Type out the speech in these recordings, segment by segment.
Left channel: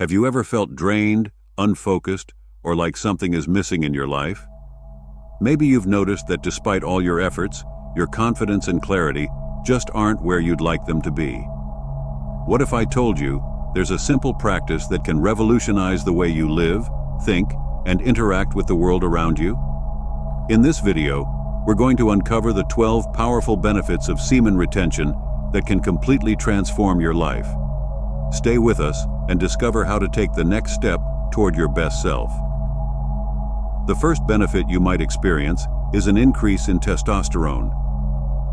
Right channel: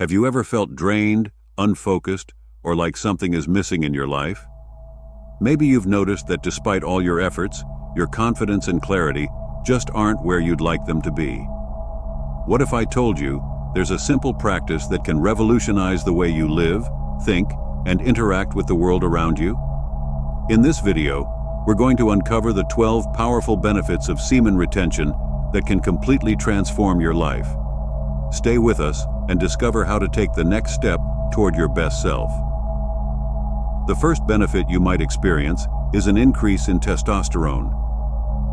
Have you ever felt drained, unfocused, or like something is missing in your life? Maybe you've noticed that despite all your efforts, your confidence and clarity just aren't where you'd like them to be. What if I told you there's a simple practice that can revolutionize the way you live, think, and interact with the world around you? In this video, we're going to uncover the 12 powerful benefits of semen retention that can completely transform your life. Stay with us and discover how to take the next step toward your best self. The first benefit you might experience is an increase in testosterone.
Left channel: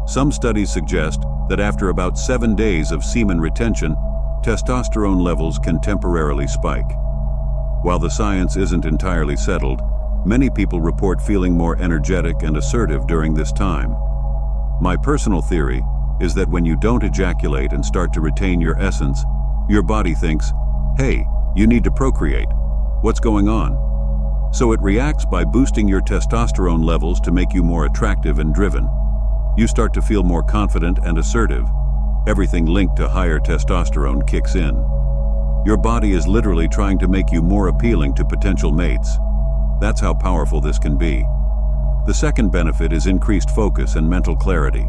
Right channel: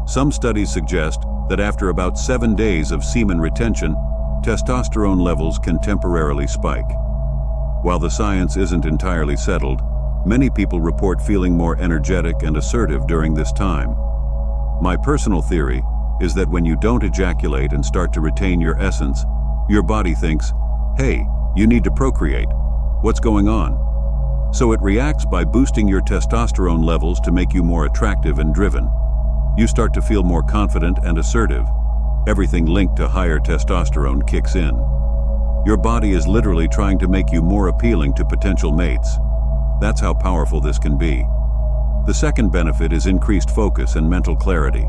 Some studies suggest that after about 7 days of semen retention, testosterone levels can temporarily spike. While the science isn't entirely settled, many people report feeling more energetic and assertive during this time. My personal theory is that when you don't ejaculate and start to retain your essence, your body thinks, hey, you need to procreate. What's going on? So it reacts by boosting your testosterone levels to make you more attractive and driven. You start to feel more confident and assertive. Everything linked to higher testosterone kicks in. Your body is literally trying to make you more appealing to potential mates. That's how powerful this can be. The second benefit is increased focus and mental clarity.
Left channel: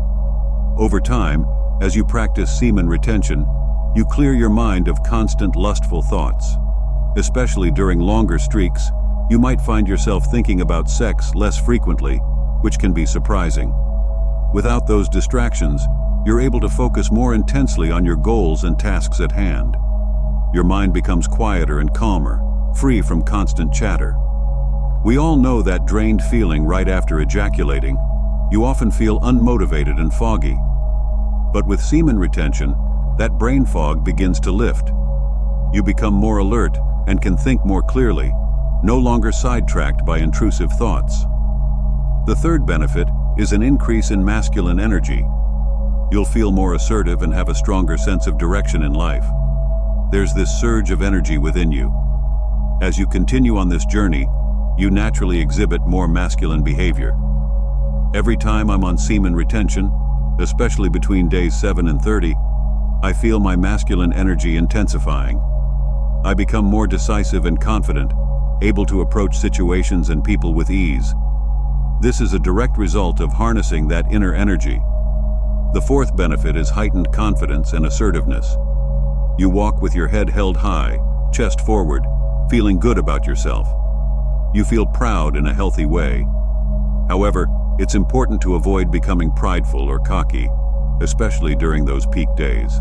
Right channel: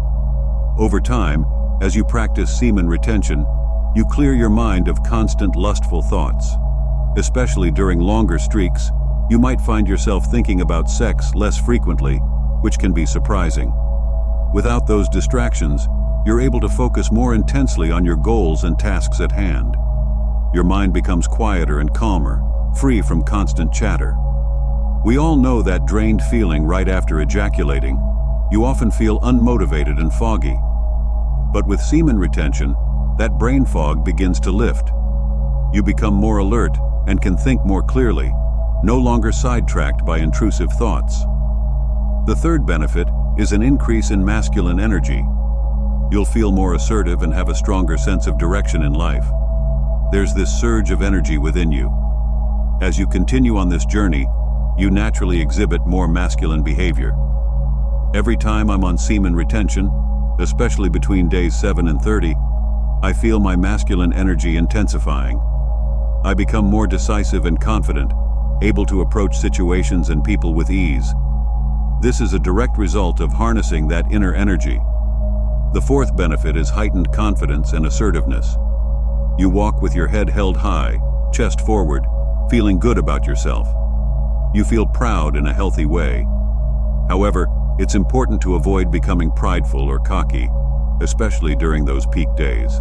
Over time, as you practice semen retention, you clear your mind of constant lustful thoughts. Especially during longer streaks, you might find yourself thinking about sex less frequently, which can be surprising. Without those distractions, you're able to focus more intensely on your goals and tasks at hand. Your mind becomes quieter and calmer, free from constant chatter. We all know that drained feeling right after ejaculating. You often feel unmotivated and foggy. But with semen retention, that brain fog begins to lift. You become more alert and can think more clearly, no longer sidetracked by intrusive thoughts. The third benefit is an increase in masculine energy. You'll feel more assertive and have a stronger sense of direction in life. There's this surge of energy within you. As you continue on this journey, you naturally exhibit more masculine behavior. Every time I'm on semen retention, especially between days 7 and 30, I feel my masculine energy intensifying. I become more decisive and confident, able to approach situations and people with ease. This is a direct result of harnessing that inner energy. The fourth benefit is heightened confidence and assertiveness. You walk with your head held high, chest forward, feeling good about yourself. You feel proud in a healthy way. However, it's important to avoid becoming prideful or cocky, especially during those peak days.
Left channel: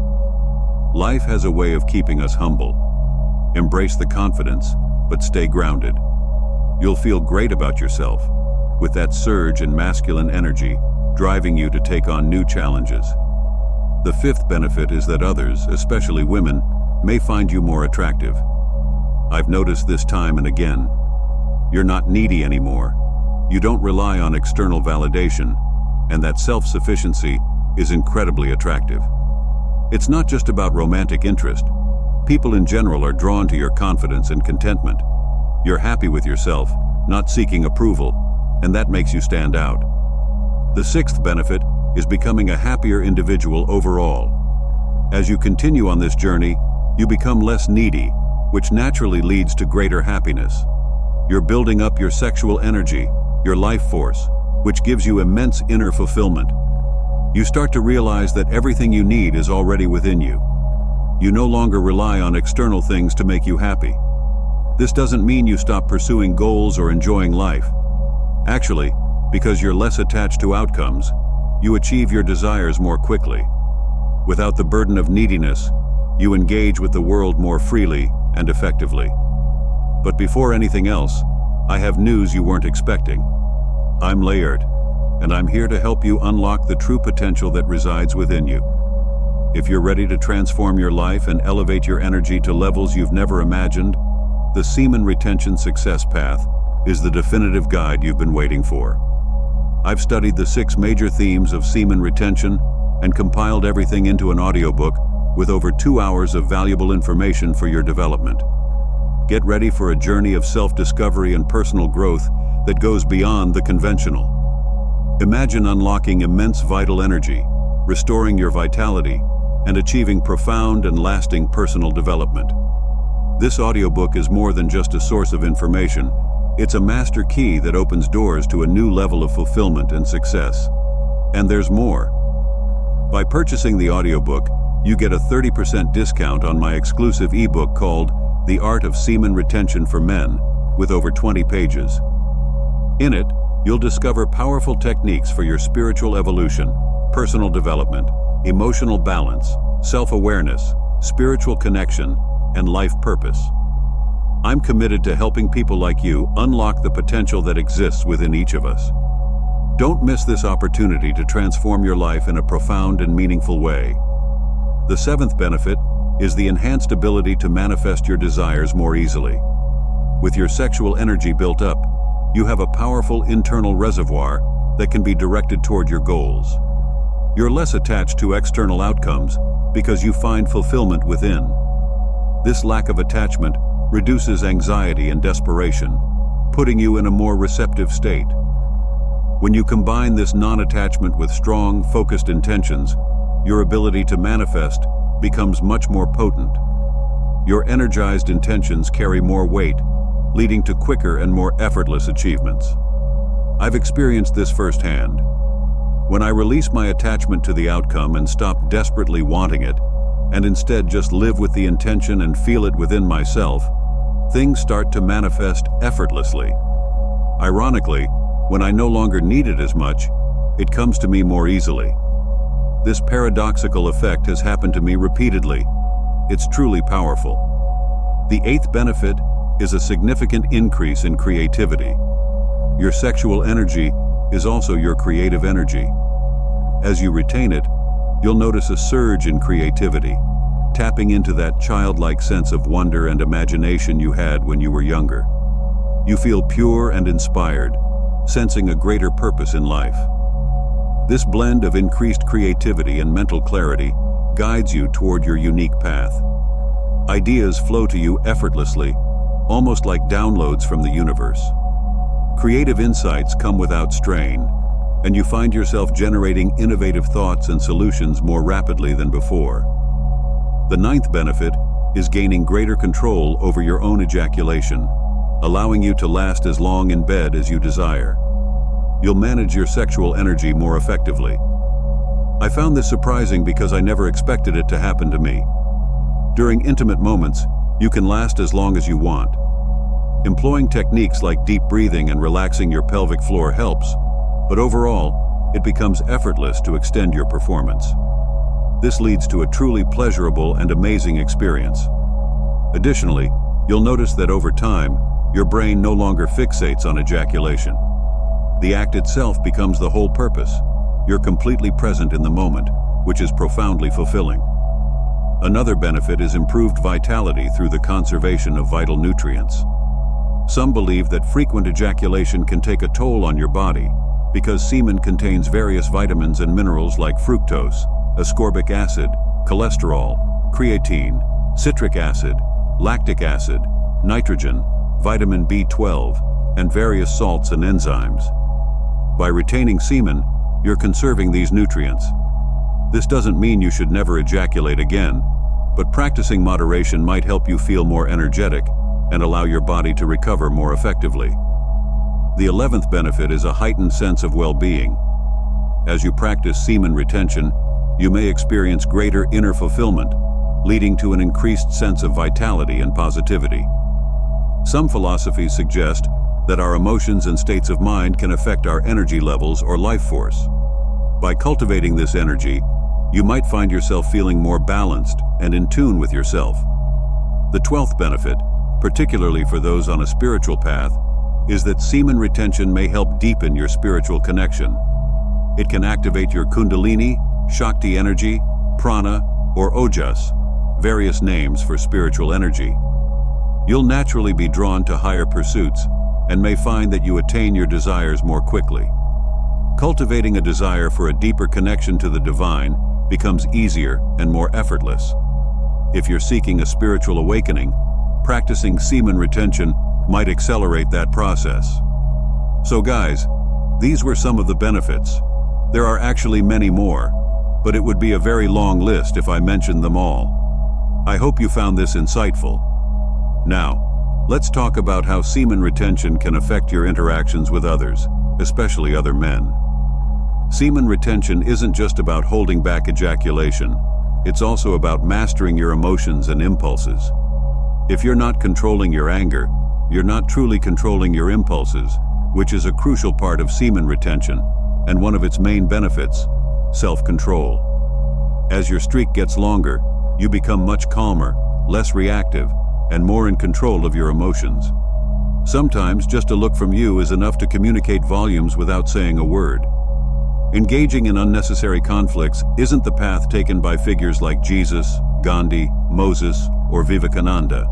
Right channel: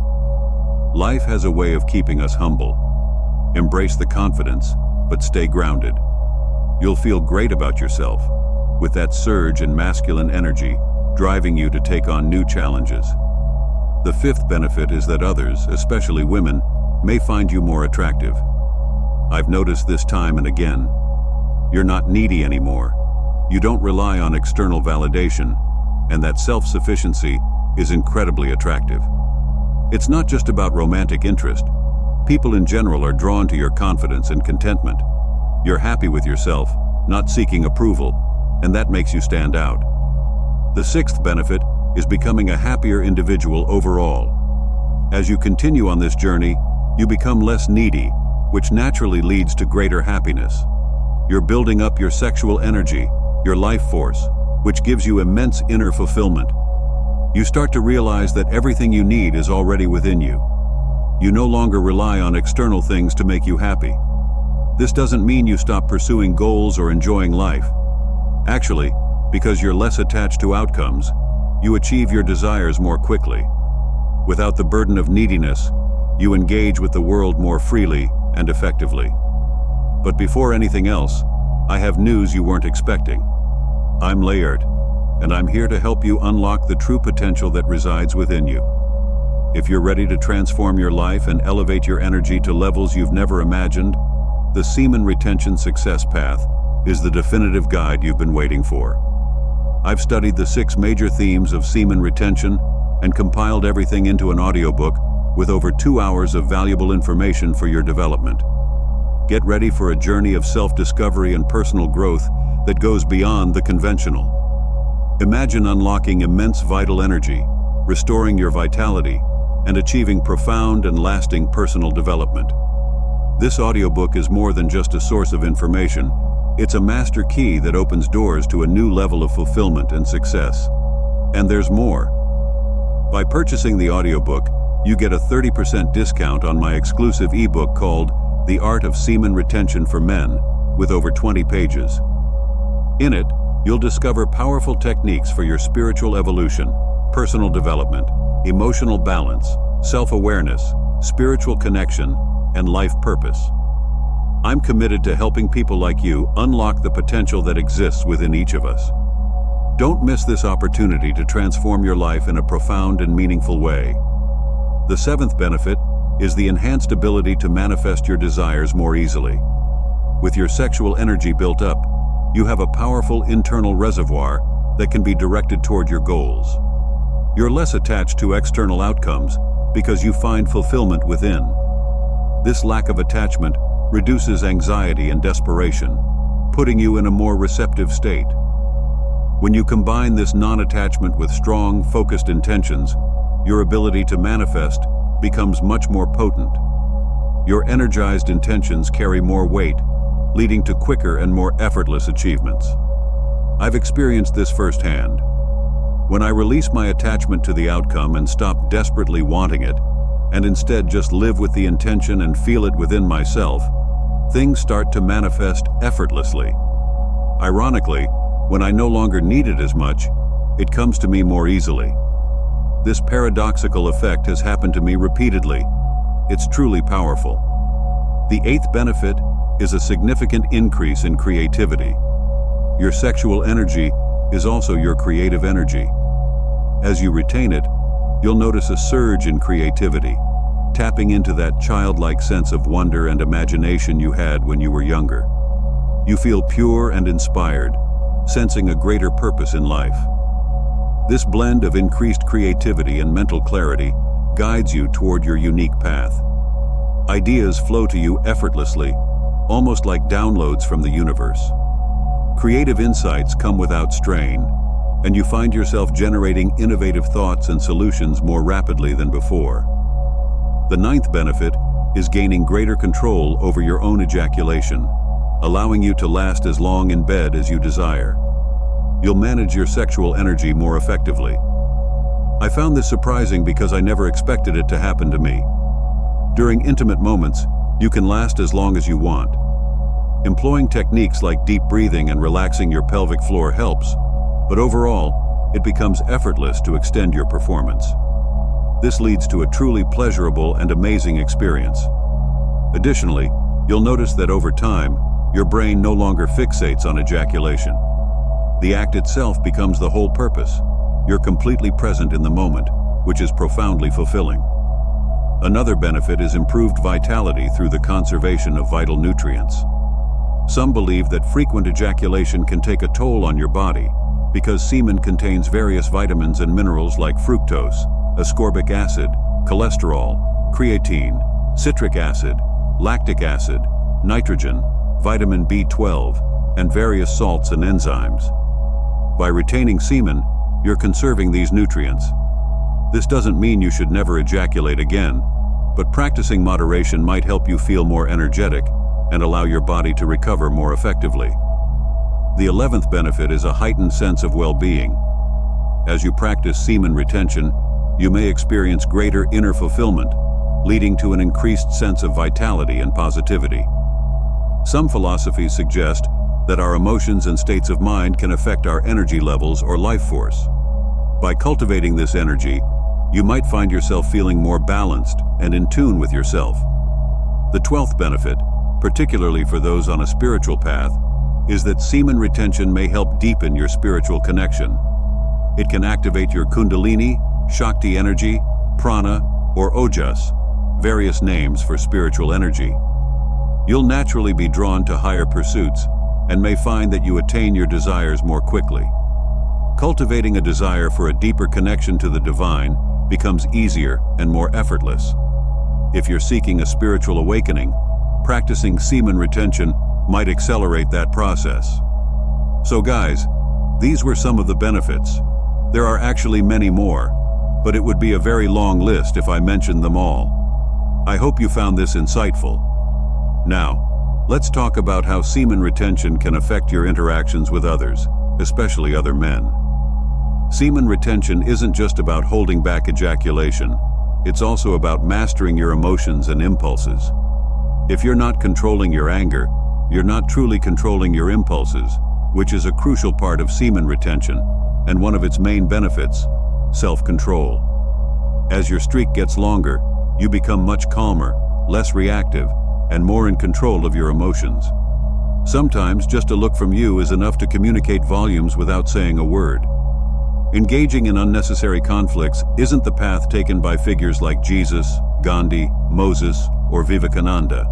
Life has a way of keeping us humble. Embrace the confidence, but stay grounded. You'll feel great about yourself, with that surge in masculine energy driving you to take on new challenges. The fifth benefit is that others, especially women, may find you more attractive. I've noticed this time and again. You're not needy anymore. You don't rely on external validation, and that self-sufficiency is incredibly attractive. It's not just about romantic interest. People in general are drawn to your confidence and contentment. You're happy with yourself, not seeking approval, and that makes you stand out. The sixth benefit is becoming a happier individual overall. As you continue on this journey, you become less needy, which naturally leads to greater happiness. You're building up your sexual energy, your life force, which gives you immense inner fulfillment. You start to realize that everything you need is already within you. You no longer rely on external things to make you happy. This doesn't mean you stop pursuing goals or enjoying life. Actually, because you're less attached to outcomes, you achieve your desires more quickly. Without the burden of neediness, you engage with the world more freely and effectively. But before anything else, I have news you weren't expecting. I'm Layered, and I'm here to help you unlock the true potential that resides within you. If you're ready to transform your life and elevate your energy to levels you've never imagined, the Semen Retention Success Path is the definitive guide you've been waiting for. I've studied the 6 major themes of semen retention and compiled everything into an audiobook with over 2 hours of valuable information for your development. Get ready for a journey of self-discovery and personal growth that goes beyond the conventional. Imagine unlocking immense vital energy, restoring your vitality, and achieving profound and lasting personal development. This audiobook is more than just a source of information. It's a master key that opens doors to a new level of fulfillment and success. And there's more. By purchasing the audiobook, you get a 30% discount on my exclusive ebook called The Art of Semen Retention for Men, with over 20 pages. In it, you'll discover powerful techniques for your spiritual evolution, personal development, emotional balance, self-awareness, spiritual connection, and life purpose. I'm committed to helping people like you unlock the potential that exists within each of us. Don't miss this opportunity to transform your life in a profound and meaningful way. The seventh benefit is the enhanced ability to manifest your desires more easily. With your sexual energy built up, you have a powerful internal reservoir that can be directed toward your goals. You're less attached to external outcomes because you find fulfillment within. This lack of attachment reduces anxiety and desperation, putting you in a more receptive state. When you combine this non-attachment with strong, focused intentions, your ability to manifest becomes much more potent. Your energized intentions carry more weight, leading to quicker and more effortless achievements. I've experienced this firsthand. When I release my attachment to the outcome and stop desperately wanting it, and instead just live with the intention and feel it within myself, things start to manifest effortlessly. Ironically, when I no longer need it as much, it comes to me more easily. This paradoxical effect has happened to me repeatedly. It's truly powerful. The eighth benefit is a significant increase in creativity. Your sexual energy is also your creative energy. As you retain it, you'll notice a surge in creativity, tapping into that childlike sense of wonder and imagination you had when you were younger. You feel pure and inspired, sensing a greater purpose in life. This blend of increased creativity and mental clarity guides you toward your unique path. Ideas flow to you effortlessly, almost like downloads from the universe. Creative insights come without strain, and you find yourself generating innovative thoughts and solutions more rapidly than before. The ninth benefit is gaining greater control over your own ejaculation, allowing you to last as long in bed as you desire. You'll manage your sexual energy more effectively. I found this surprising because I never expected it to happen to me. During intimate moments, you can last as long as you want. Employing techniques like deep breathing and relaxing your pelvic floor helps, but overall, it becomes effortless to extend your performance. This leads to a truly pleasurable and amazing experience. Additionally, you'll notice that over time, your brain no longer fixates on ejaculation. The act itself becomes the whole purpose. You're completely present in the moment, which is profoundly fulfilling. Another benefit is improved vitality through the conservation of vital nutrients. Some believe that frequent ejaculation can take a toll on your body because semen contains various vitamins and minerals like fructose, ascorbic acid, cholesterol, creatine, citric acid, lactic acid, nitrogen, vitamin B12, and various salts and enzymes. By retaining semen, you're conserving these nutrients. This doesn't mean you should never ejaculate again, but practicing moderation might help you feel more energetic and allow your body to recover more effectively. The 11th benefit is a heightened sense of well-being. As you practice semen retention, you may experience greater inner fulfillment, leading to an increased sense of vitality and positivity. Some philosophies suggest that our emotions and states of mind can affect our energy levels or life force. By cultivating this energy, you might find yourself feeling more balanced and in tune with yourself. The 12th benefit, particularly for those on a spiritual path, is that semen retention may help deepen your spiritual connection. It can activate your kundalini, shakti energy, prana, or ojas, various names for spiritual energy. You'll naturally be drawn to higher pursuits and may find that you attain your desires more quickly. Cultivating a desire for a deeper connection to the divine becomes easier and more effortless. If you're seeking a spiritual awakening, practicing semen retention might accelerate that process. So guys, these were some of the benefits. There are actually many more, but it would be a very long list if I mentioned them all. I hope you found this insightful. Now, let's talk about how semen retention can affect your interactions with others, especially other men. Semen retention isn't just about holding back ejaculation, it's also about mastering your emotions and impulses. If you're not controlling your anger, you're not truly controlling your impulses, which is a crucial part of semen retention, and one of its main benefits, self-control. As your streak gets longer, you become much calmer, less reactive, and more in control of your emotions. Sometimes just a look from you is enough to communicate volumes without saying a word. Engaging in unnecessary conflicts isn't the path taken by figures like Jesus, Gandhi, Moses, or Vivekananda.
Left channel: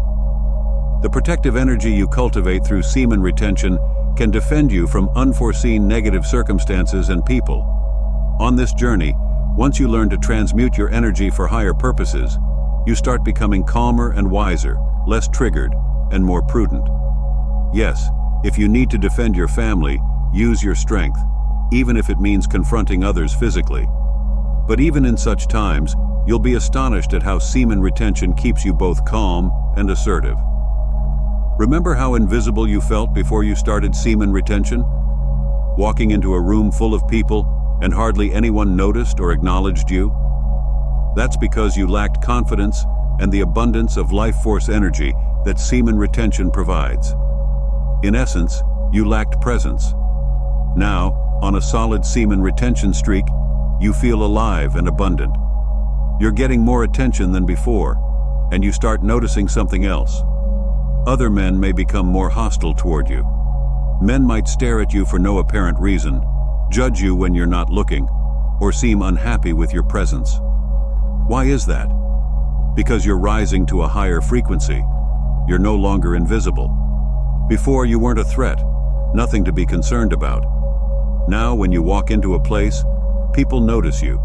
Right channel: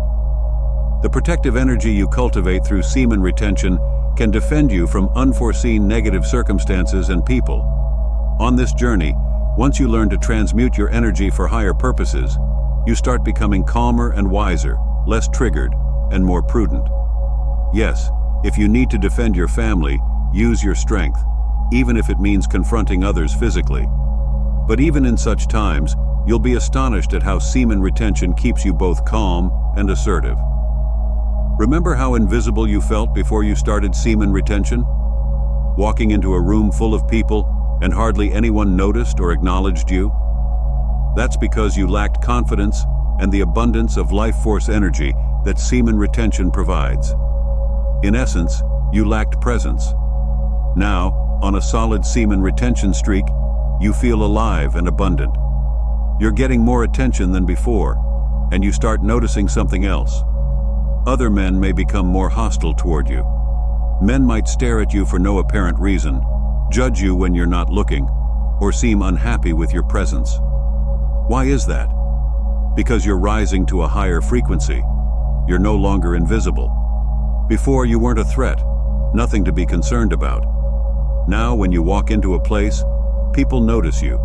The protective energy you cultivate through semen retention can defend you from unforeseen negative circumstances and people. On this journey, once you learn to transmute your energy for higher purposes, you start becoming calmer and wiser, less triggered, and more prudent. Yes, if you need to defend your family, use your strength, even if it means confronting others physically. But even in such times, you'll be astonished at how semen retention keeps you both calm and assertive. Remember how invisible you felt before you started semen retention? Walking into a room full of people and hardly anyone noticed or acknowledged you? That's because you lacked confidence and the abundance of life force energy that semen retention provides. In essence, you lacked presence. Now, on a solid semen retention streak, you feel alive and abundant. You're getting more attention than before, and you start noticing something else. Other men may become more hostile toward you. Men might stare at you for no apparent reason, judge you when you're not looking, or seem unhappy with your presence. Why is that? Because you're rising to a higher frequency. You're no longer invisible. Before, you weren't a threat, nothing to be concerned about. Now, when you walk into a place, people notice you.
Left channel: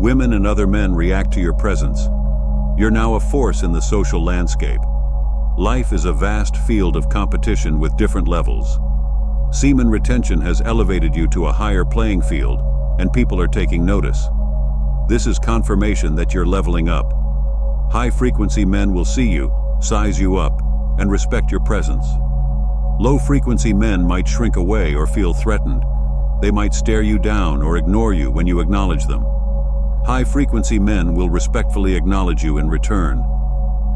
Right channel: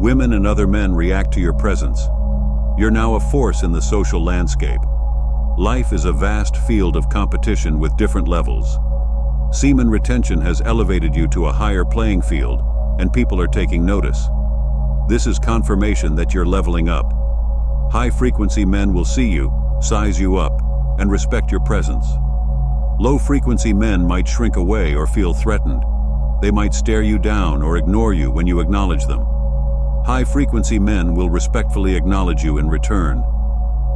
Women and other men react to your presence. You're now a force in the social landscape. Life is a vast field of competition with different levels. Semen retention has elevated you to a higher playing field, and people are taking notice. This is confirmation that you're leveling up. High-frequency men will see you, size you up, and respect your presence. Low-frequency men might shrink away or feel threatened. They might stare you down or ignore you when you acknowledge them. High-frequency men will respectfully acknowledge you in return.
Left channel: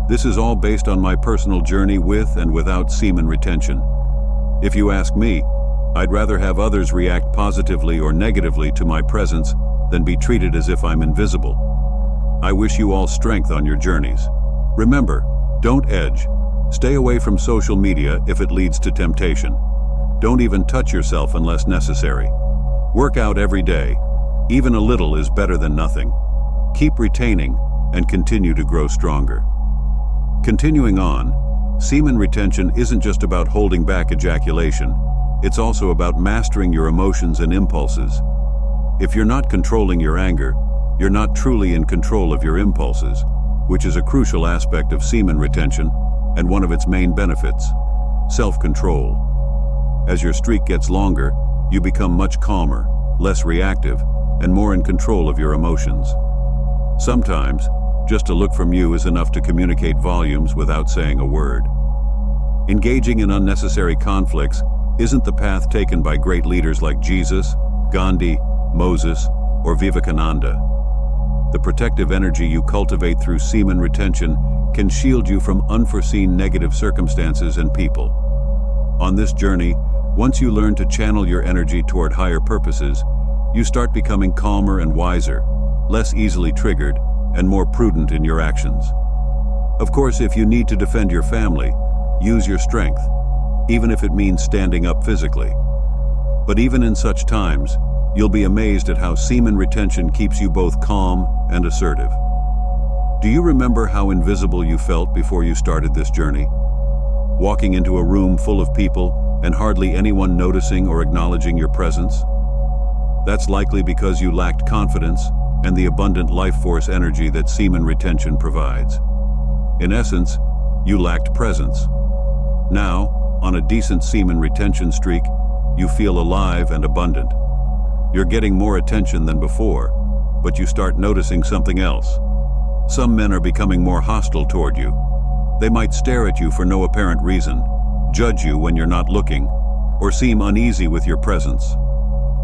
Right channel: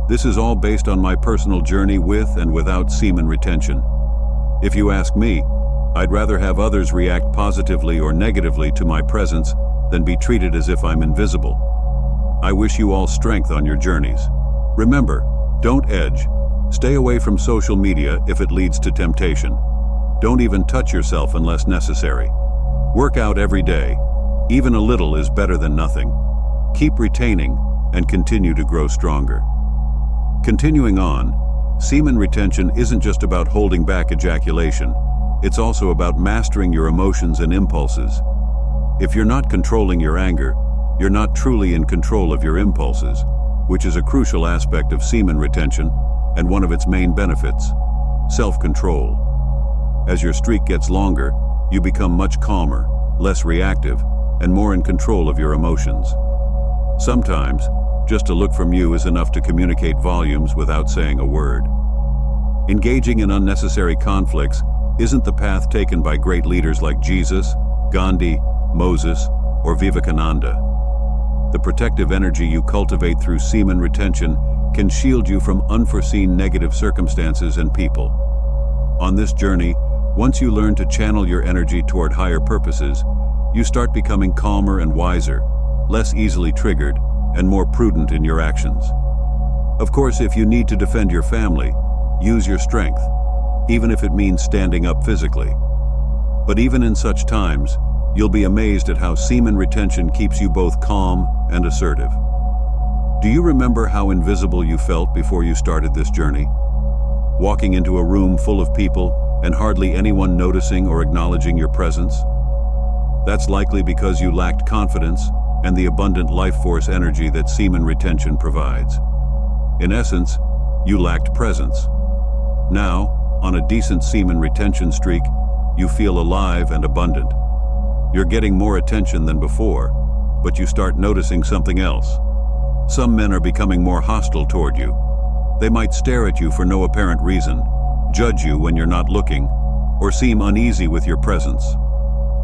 This is all based on my personal journey with and without semen retention. If you ask me, I'd rather have others react positively or negatively to my presence than be treated as if I'm invisible. I wish you all strength on your journeys. Remember, don't edge. Stay away from social media if it leads to temptation. Don't even touch yourself unless necessary. Work out every day. Even a little is better than nothing. Keep retaining and continue to grow stronger. Continuing on, semen retention isn't just about holding back ejaculation. It's also about mastering your emotions and impulses. If you're not controlling your anger, you're not truly in control of your impulses, which is a crucial aspect of semen retention and one of its main benefits, self-control. As your streak gets longer, you become much calmer, less reactive, and more in control of your emotions. Sometimes, just a look from you is enough to communicate volumes without saying a word. Engaging in unnecessary conflicts isn't the path taken by great leaders like Jesus, Gandhi, Moses, or Vivekananda. The protective energy you cultivate through semen retention can shield you from unforeseen negative circumstances and people. On this journey, once you learn to channel your energy toward higher purposes, you start becoming calmer and wiser, less easily triggered, and more prudent in your actions. Of course, if you need to defend your family, use your strength, even if it means standing up physically. But even in such times, you'll be amazed at how semen retention keeps you both calm and assertive. Do you remember how invisible you felt before you started this journey? Walking into a room full of people and hardly anyone noticing or acknowledging your presence? That's likely because you lacked confidence and the abundant life force energy that semen retention provides. In essence, you lacked presence. Now, on a decent semen retention streak, you feel alive and abundant. You're getting more attention than before, but you start noticing something else. Some men are becoming more hostile toward you. They might stare at you for no apparent reason, judge you when you're not looking, or seem uneasy with your presence.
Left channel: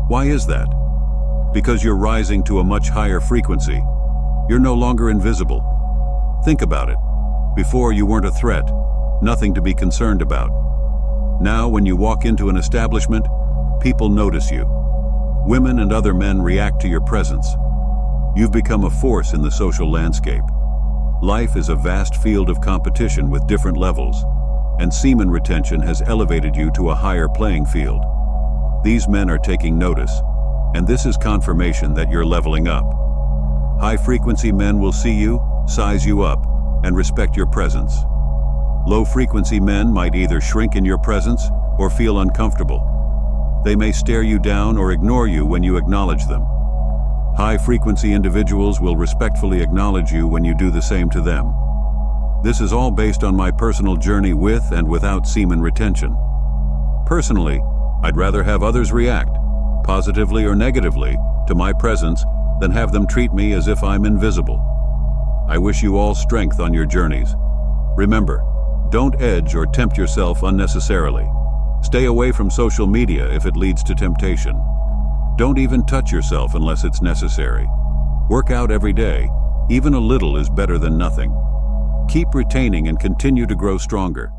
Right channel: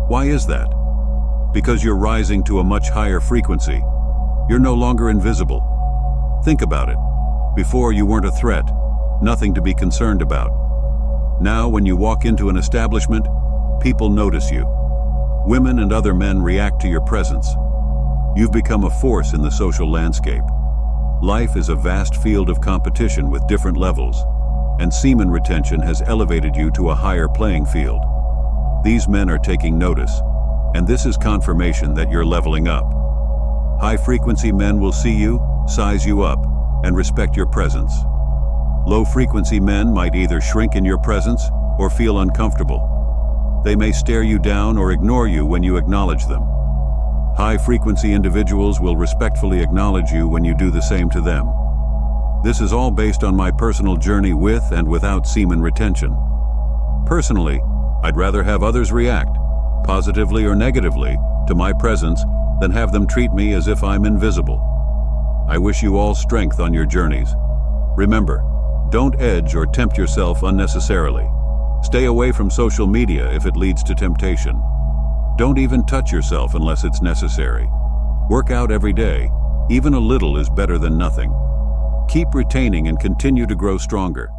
Why is that? Because you're rising to a much higher frequency. You're no longer invisible. Think about it. Before, you weren't a threat, nothing to be concerned about. Now, when you walk into an establishment, people notice you. Women and other men react to your presence. You've become a force in the social landscape. Life is a vast field of competition with different levels, and semen retention has elevated you to a higher playing field. These men are taking notice, and this is confirmation that you're leveling up. High-frequency men will see you, size you up, and respect your presence. Low-frequency men might either shrink in your presence or feel uncomfortable. They may stare you down or ignore you when you acknowledge them. High-frequency individuals will respectfully acknowledge you when you do the same to them. This is all based on my personal journey with and without semen retention. Personally, I'd rather have others react, positively or negatively, to my presence than have them treat me as if I'm invisible. I wish you all strength on your journeys. Remember, don't edge or tempt yourself unnecessarily. Stay away from social media if it leads to temptation. Don't even touch yourself unless it's necessary. Work out every day. Even a little is better than nothing. Keep retaining and continue to grow stronger.